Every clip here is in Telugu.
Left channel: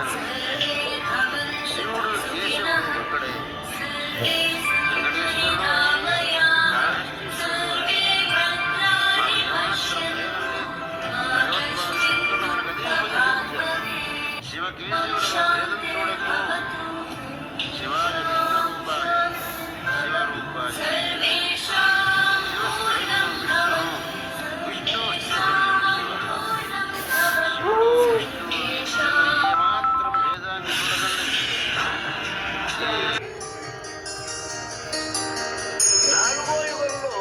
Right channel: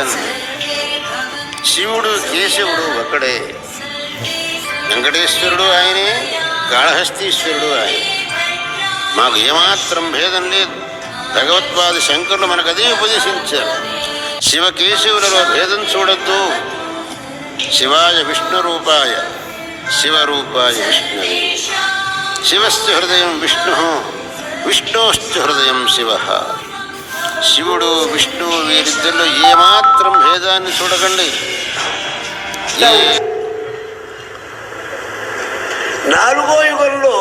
లేదండి. శివుడు కేశవుడు ఒక్కడే, వెంకటేశ్వరుడు ఆయనే, కాళహస్తీశ్వరుడు ఆయన. మాకు ఏమాత్రం భేదం లేదు. భగవత్పాది శంకరులు మనకు అదే ఉపదేశించారు. శివకేశవులలో భేదం చూడద్దు. శివాయ విష్ణురూపాయ శివరూపాయ విష్ణువే. శివశ్చ హృదయం విష్ణు, విష్ణోశ్చ హృదయం శివ. శివుడు విష్ణువు వీరిద్దరిలో ఏమాత్రం భేదాన్ని చూడకండి. నాలుగో యుగంలో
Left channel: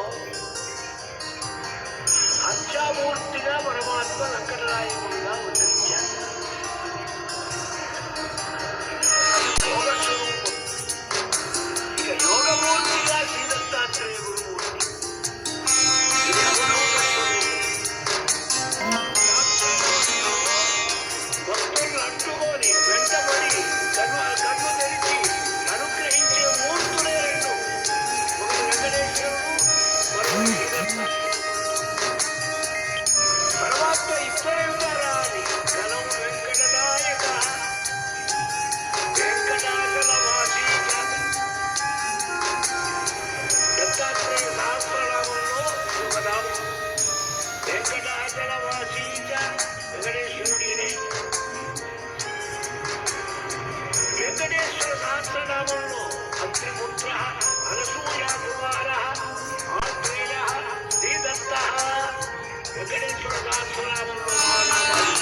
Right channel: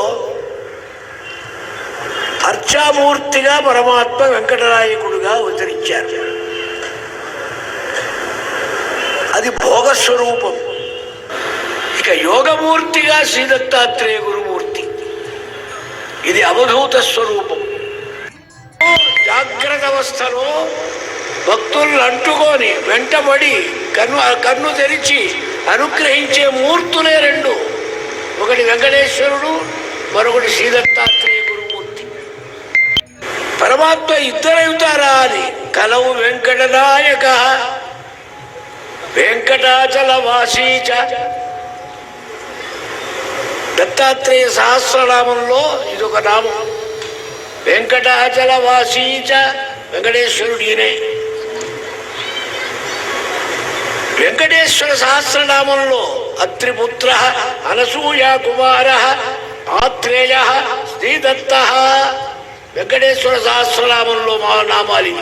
అర్చామూర్తిగా పరమాత్మ వెంకటనాయకుడిగా అవతరించారు. అది భోగస్వరూపం. ఇక యోగమూర్తిగా శ్రీదత్తాత్రేయ గురుమూర్తి, ఇది అవధూత స్వరూపం. జాగ్రత్త అవస్థలో భక్తులను అంటుకొని వెంటబడి కన్ను తెరిచి అనుగ్రహించే మూర్తులే రెండు. ఒకటి వెంకటేశ్వరుడు, మరొకటి శ్రీదత్తాత్రేయ గురుమూర్తి. పరమాత్మ ఇద్దరవుతారా అని కలవు వెంకటనాయక వెంకటాచల వాసీచ. దత్తాత్రేయ సహస్రనామంలో ఇదొక నామం. వెంకటాచల వాసీచ, వెంకటేశ్వరుడినే. వెంకటేశ్వర సహస్రనామంలో అత్రిపుత్ర, అనసూయా కుమార, ఆత్రేయ, శ్రీదత్త. వెంకటేశ్వర సహస్రనామంలో మా నామాలి.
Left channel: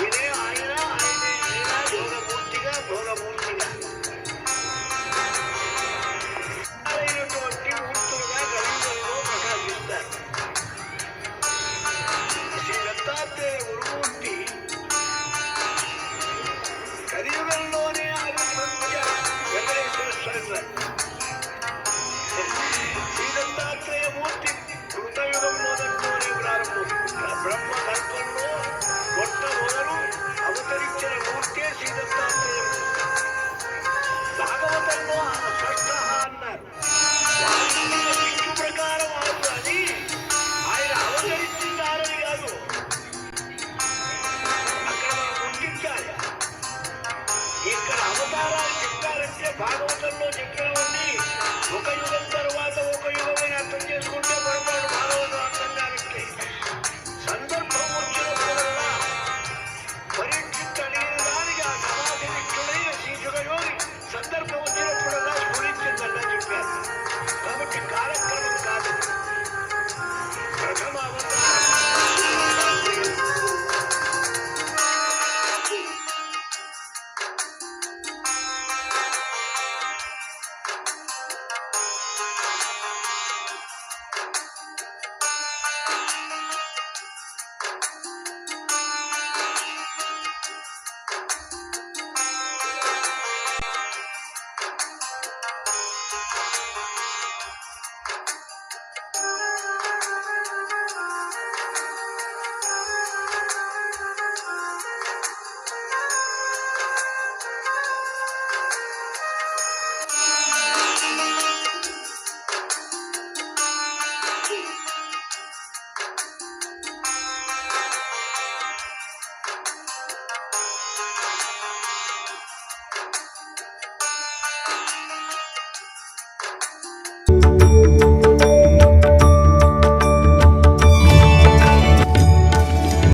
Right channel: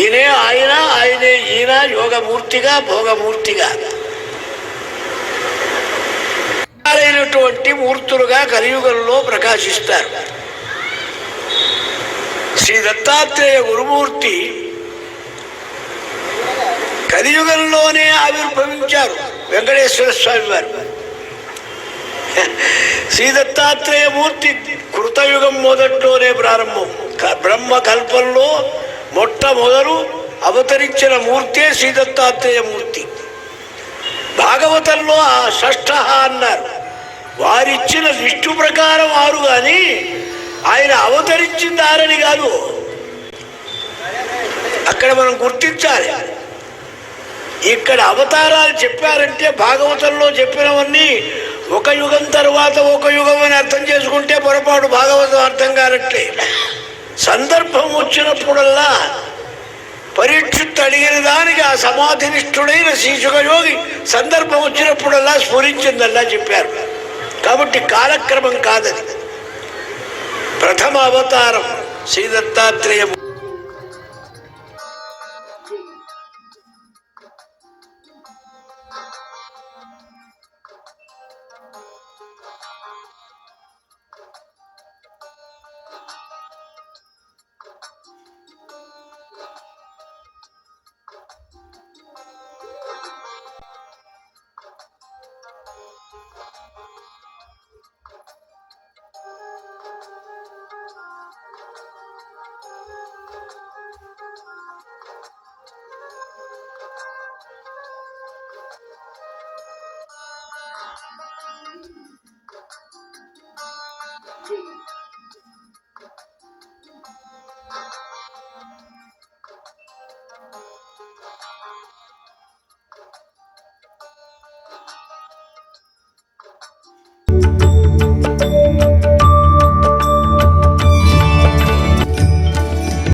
ఈయనే ఆయన, ఆయనే ఈయన. యోగమూర్తిగా భోగమూర్తిగా అయినటువంటి మూర్తులుగా కలియుగంలో ప్రకాశిస్తారు. శ్రీ దత్తాత్రేయ గురుమూర్తి కలియుగంలోనే ఆవిర్భవించారు. వెంకటేశ్వర స్వామి వారు శ్రీ దత్తాత్రేయ మూర్తి కృతయుగం మొదట్లోనే ప్రారంభం. బ్రహ్మ కల్పంలో మొట్టమొదలు అవతరించిన మూర్తే శ్రీ దత్తాత్రేయ మూర్తి. భాగవతంలో ఆ షష్ఠ అన్నారు. వారిచ్చిన విష్ణు ప్రకారం వారు కానీ ఆయన అవతరించింది ఆరని కాదు. అక్కడ మనం గుర్తించాలి. ఇక్కడ అవతారాలు చెప్పారంటే భాగవతంలో చెప్పినవన్నీ ఒక యుగం తర్వాత ఒక యుగం అని అర్థం చేసుకుంటే పొరపాటు. భాగవతం అర్థం కానట్లే. సందర్భం వచ్చినప్పుడల్లా పరీక్షిత్ అడిగిన దానికి ఆ సమాధినిష్ఠుడైన శ్రీశుకయోగి సందర్భం వచ్చినప్పుడల్లా స్ఫురించిందల్లా చెప్పారు. కాబట్టి కాలక్రమం కాదది. ప్రథమ అవతారం శ్రీ దత్తాత్రేయ.